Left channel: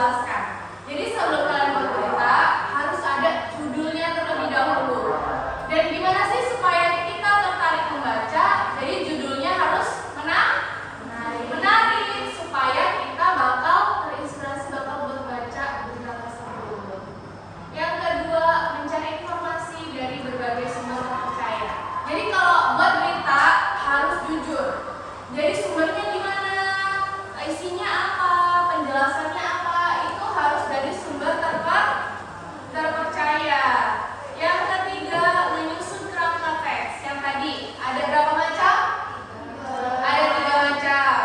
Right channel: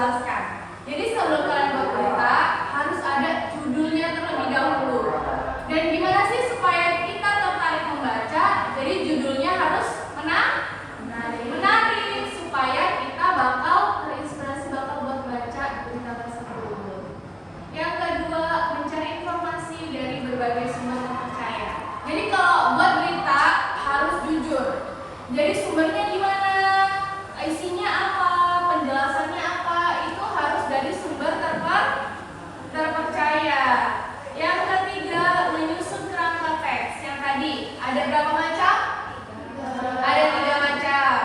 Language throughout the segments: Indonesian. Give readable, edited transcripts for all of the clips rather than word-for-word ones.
menjelaskan. Jadi sebelum kalian berberita harus ada judulnya terlebih dahulu. Dan gimana sih supaya kita tertarik membaca? Jadi judulnya harus menarik supaya kita bakal terinspirasi buat baca berita tersebut. Yang kedua, mencari informasi dari berbagai sumber terpercaya. Jadi kalau buat berita harus jujur. Jadi sumbernya gimana? Isinya apa? Penjelasannya apa? Itu harus dari sumber terpercaya. Yang ketiga, menyusun kerangka teks. Yang tadi ada berapa macam? Ada 3 macam.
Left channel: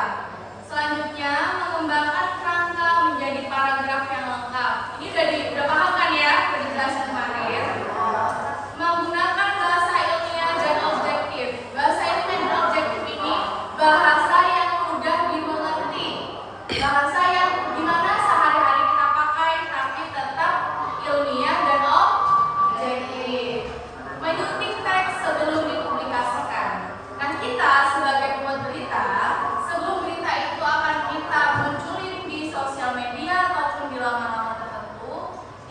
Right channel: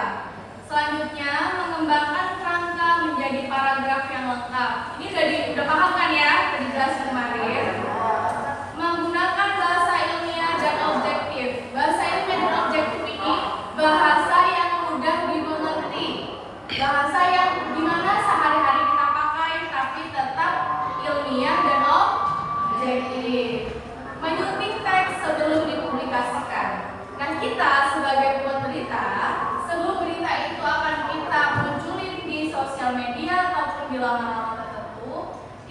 Selanjutnya, mengembangkan kerangka menjadi paragraf yang lengkap. Ini udah paham kan ya? Tadi jelasin kemarin. Menggunakan bahasa ilmiah dan objektif. Bahasa ilmiah dan objektif ini bahasa yang mudah dimengerti. Bahasa yang dimana sehari-hari kita pakai tapi tetap ilmiah dan objektif. Menyunting teks sebelum dipublikasikan. Nah, kita sebagai pembuat berita, sebelum berita itu akan kita munculin di sosial media ataupun di laman-laman tertentu,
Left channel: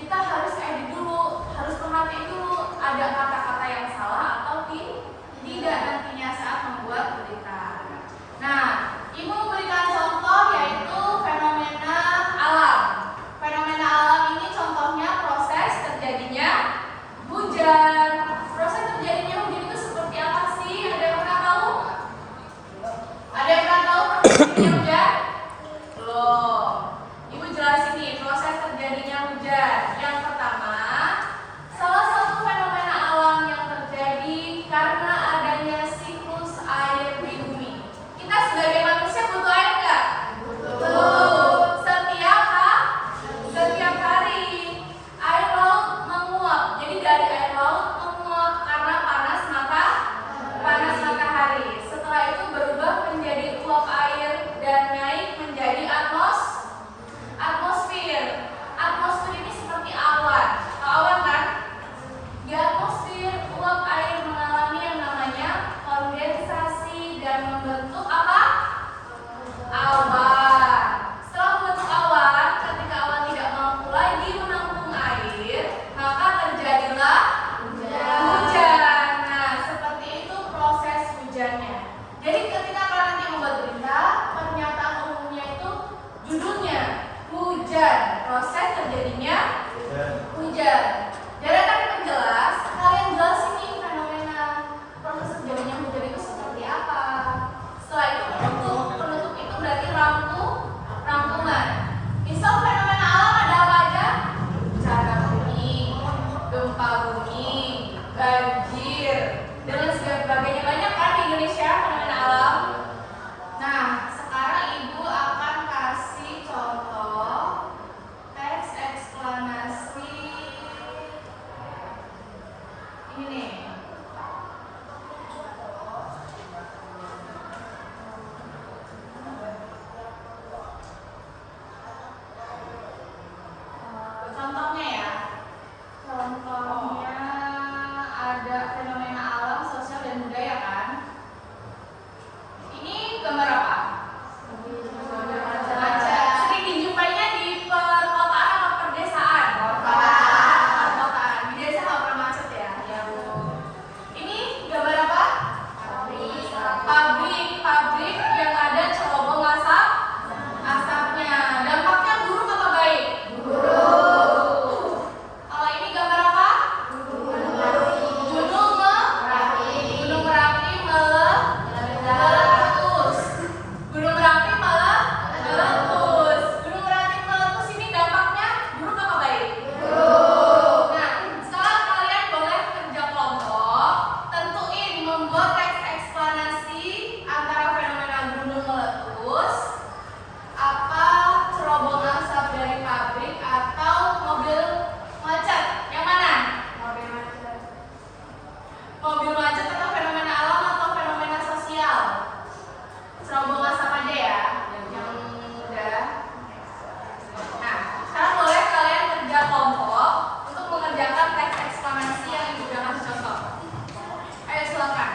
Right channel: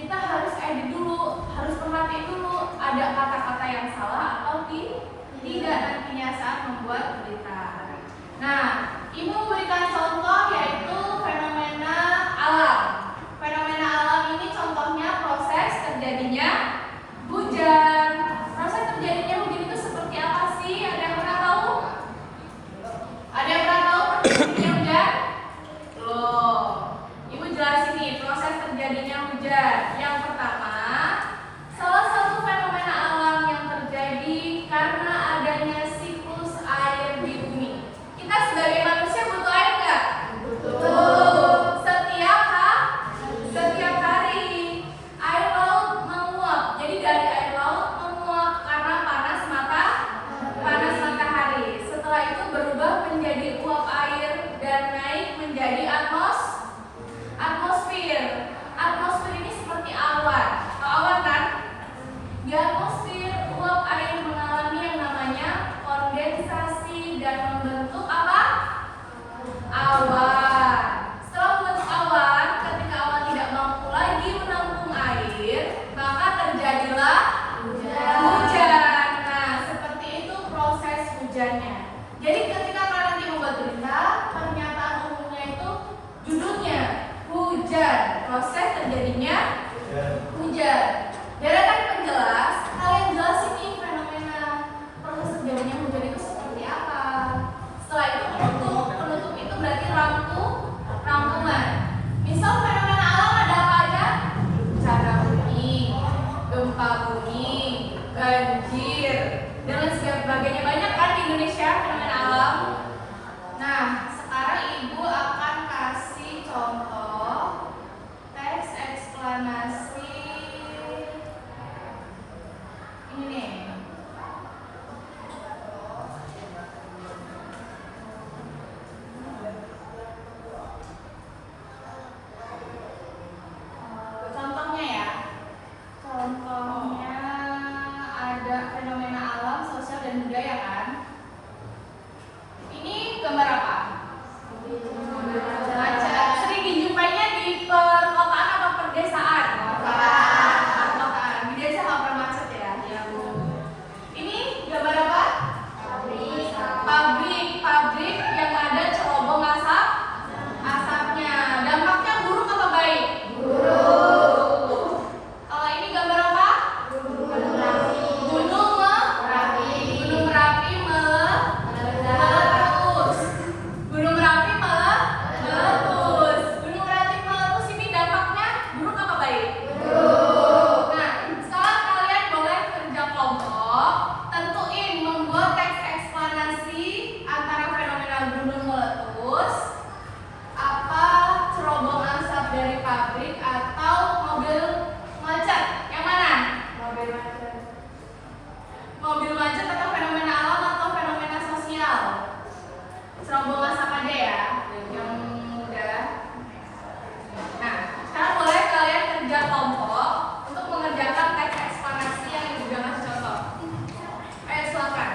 kita harus edit dulu, harus perhatiin dulu ada kata-kata yang salah atau tidak nantinya saat membuat berita. Nah, Ibu memberikan contoh yaitu fenomena alam. Fenomena alam ini contohnya proses terjadinya hujan. Proses terjadinya hujan itu seperti apa sih? Ada yang pernah tahu? Ada yang pernah tahu proses terjadinya hujan? Loh, Ibu jelasin nih proses terjadinya hujan. Yang pertama, salah satu fenomena alam yang terjadi karena adanya siklus air di bumi. Kita sebagai manusia butuh air nggak? Butuh. Setiap hari air laut menguap. Jadi dari air laut menguap karena panas matahari. Setelah itu berubah menjadi uap air dan naik menjadi atmosfer. Atmosfer ini seperti awan. Awan kan? Di atmosfer uap air mengalami yang namanya kondensasi dan membentuk apa? Awan. Setelah membentuk awan, ketika awan tidak mampu lagi menampung air, maka terjadilah hujan. Nah, seperti itu proses hujannya. Jadi ketika kalian nanti membuat berita, pernyataan umumnya itu judulnya hujan. Proses terjadinya hujan. Deretan penjelas, kalian jelasin nih fenomena proses terjadinya hujan itu seperti apa. Setelah itu penutup itu berarti rangkuman. Misal fenomena alam ada apa aja? Bencana bumi, gempa bumi, banjir, dan sebagainya. Banyak kan di Indonesia fenomena alam. Nah, sekarang Ibu akan kasih contoh teks eksplanasi. Ini nih. Contohnya ya. Contohnya ada fenomena alam, sosial dan budaya kan. Ini gambar apa? Macet. Sering dijumpainya di perkotaan atau perdesaan? Perkotaan. Di desa nggak pernah macet ya? Ini gambar apa? Pabrik yang ada cerobong asapnya. Dampaknya buruk apa baik? Buruk. Kalau ini gambar apa? Gunung Merapi meletus. Gunung Merapi meletus ini dampaknya buruk apa baik? Buruk. Nah, sekarang kalian boleh kerja kelompok, tentuin membuat teks eksplanasi antara fenomena gunung meletus, apa cerobong asap dari pabrik, atau mobil macet. Yang mana? Mobil macet atau fenomena alam atau fenomena sosial? Cerobong asap aja ya, yang mudah. Nah, sekarang boleh kalian kerja kelompok untuk mengerjakan teks eksplanasi yang juga kasih contoh. Ayo silakan.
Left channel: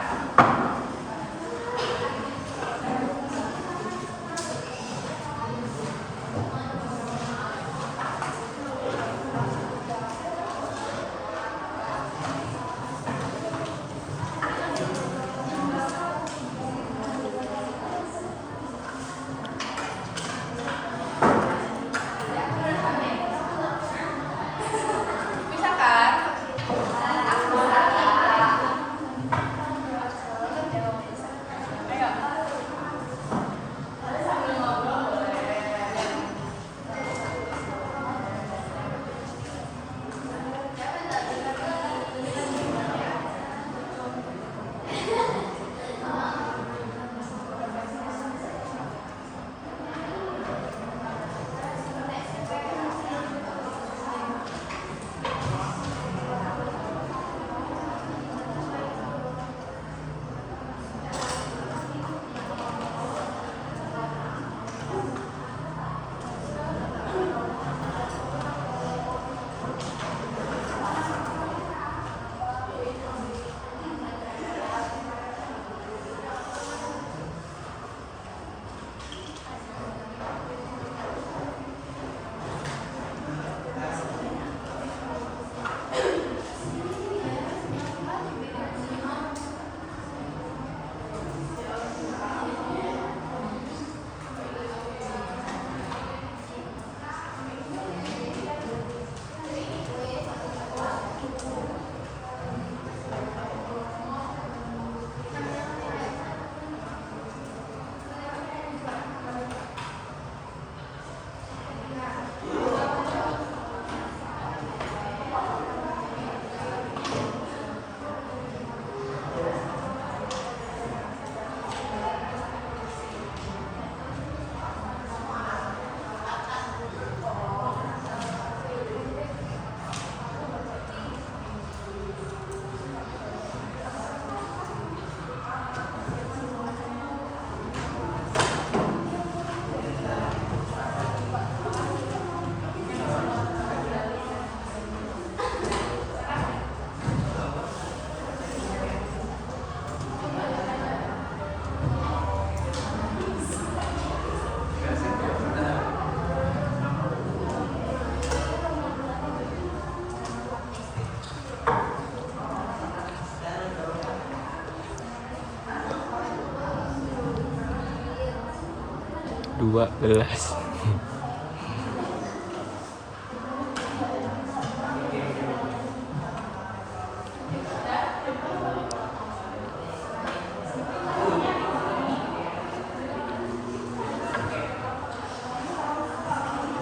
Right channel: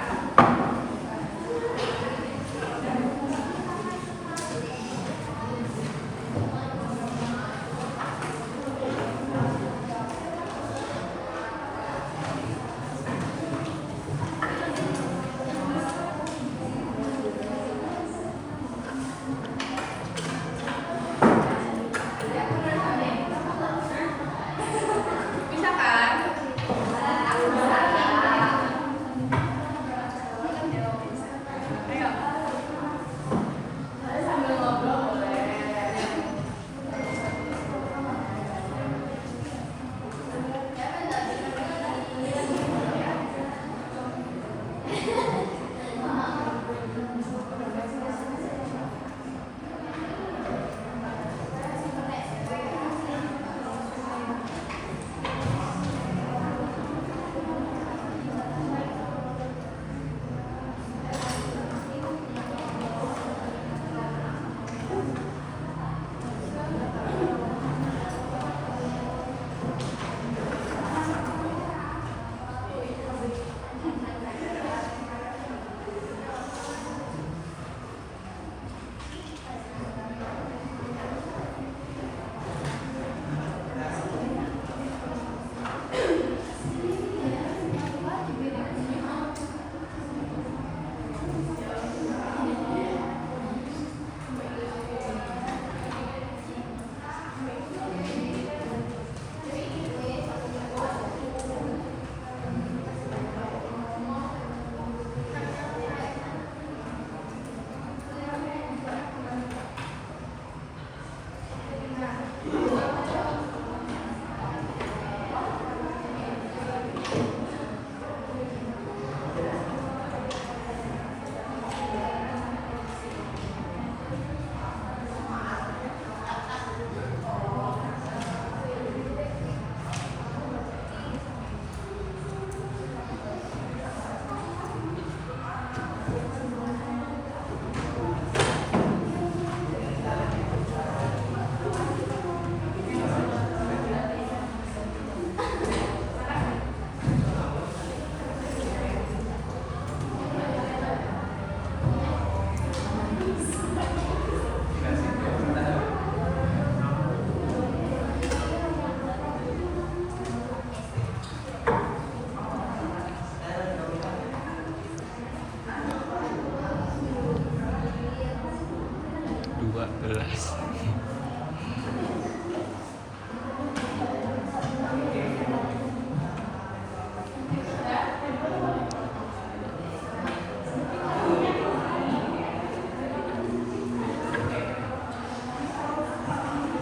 12.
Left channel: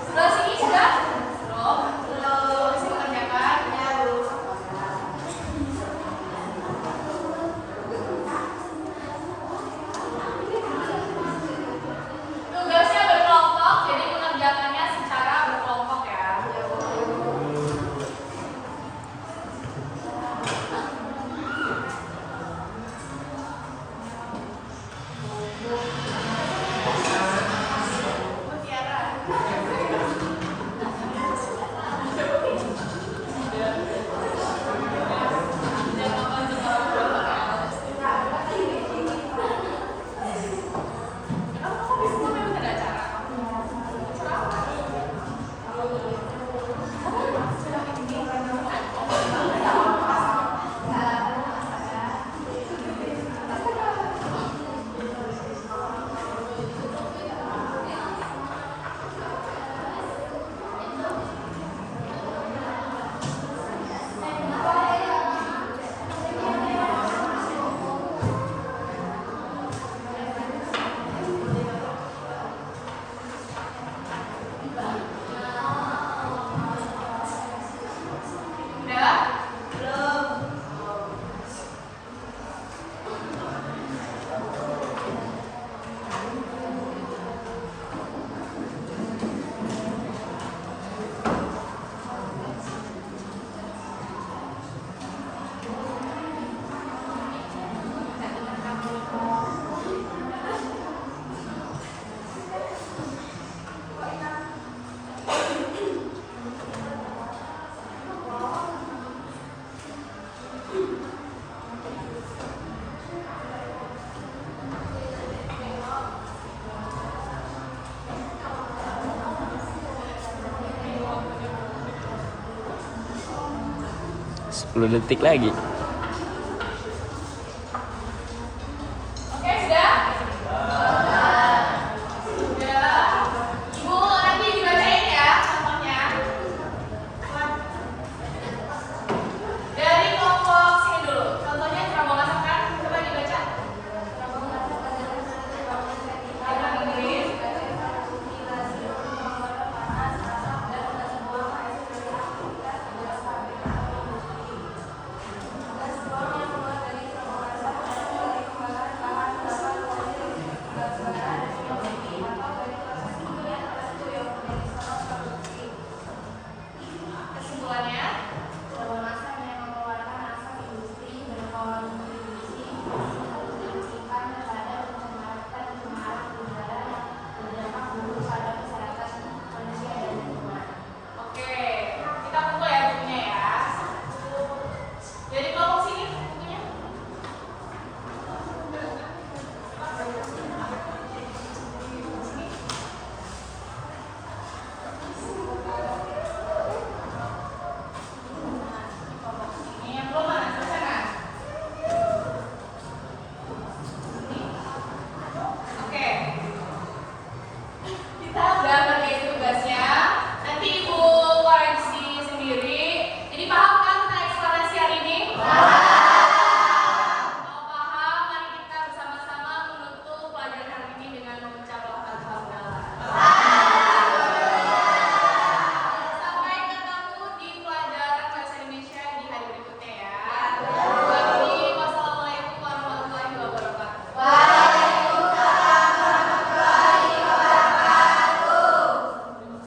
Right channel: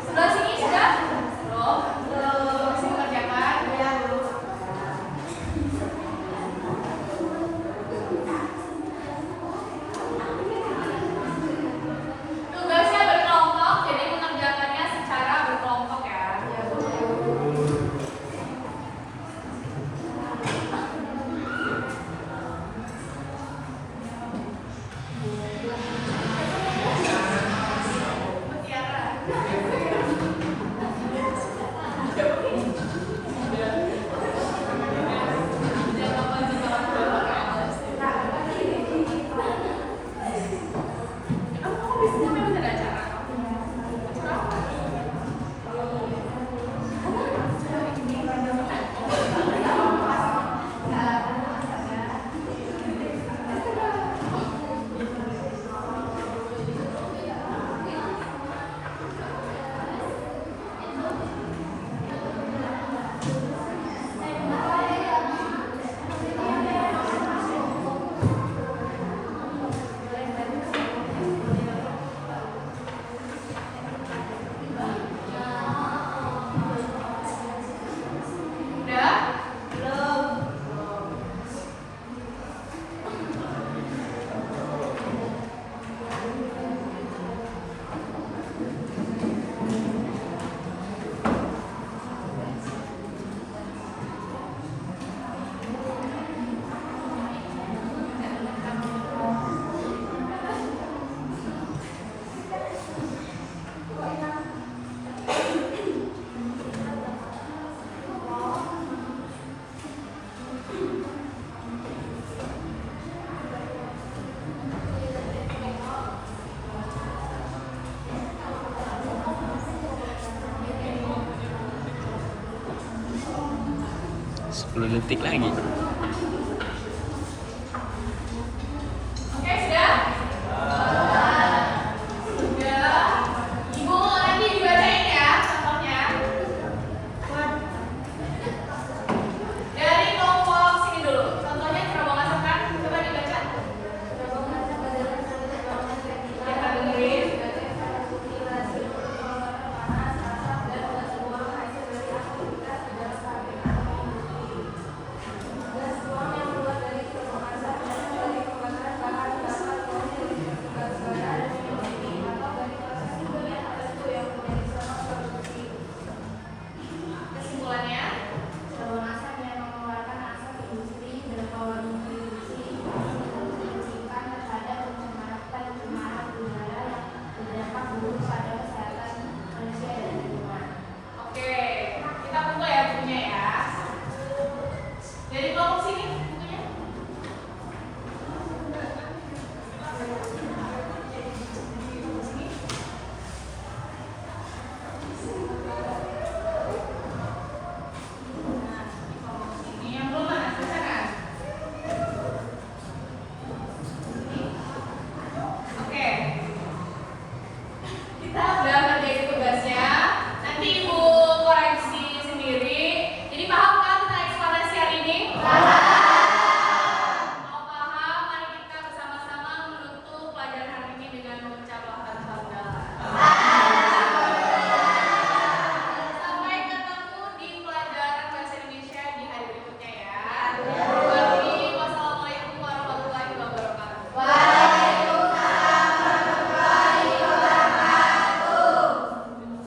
Sebelah sini sudah? Belum? Belum. Masih mengerjakan? Ya. Tugasnya berkelompok, jadi mengerjakannya secara berkelompok ya. Udah? Belum. Sepuluh detik lagi.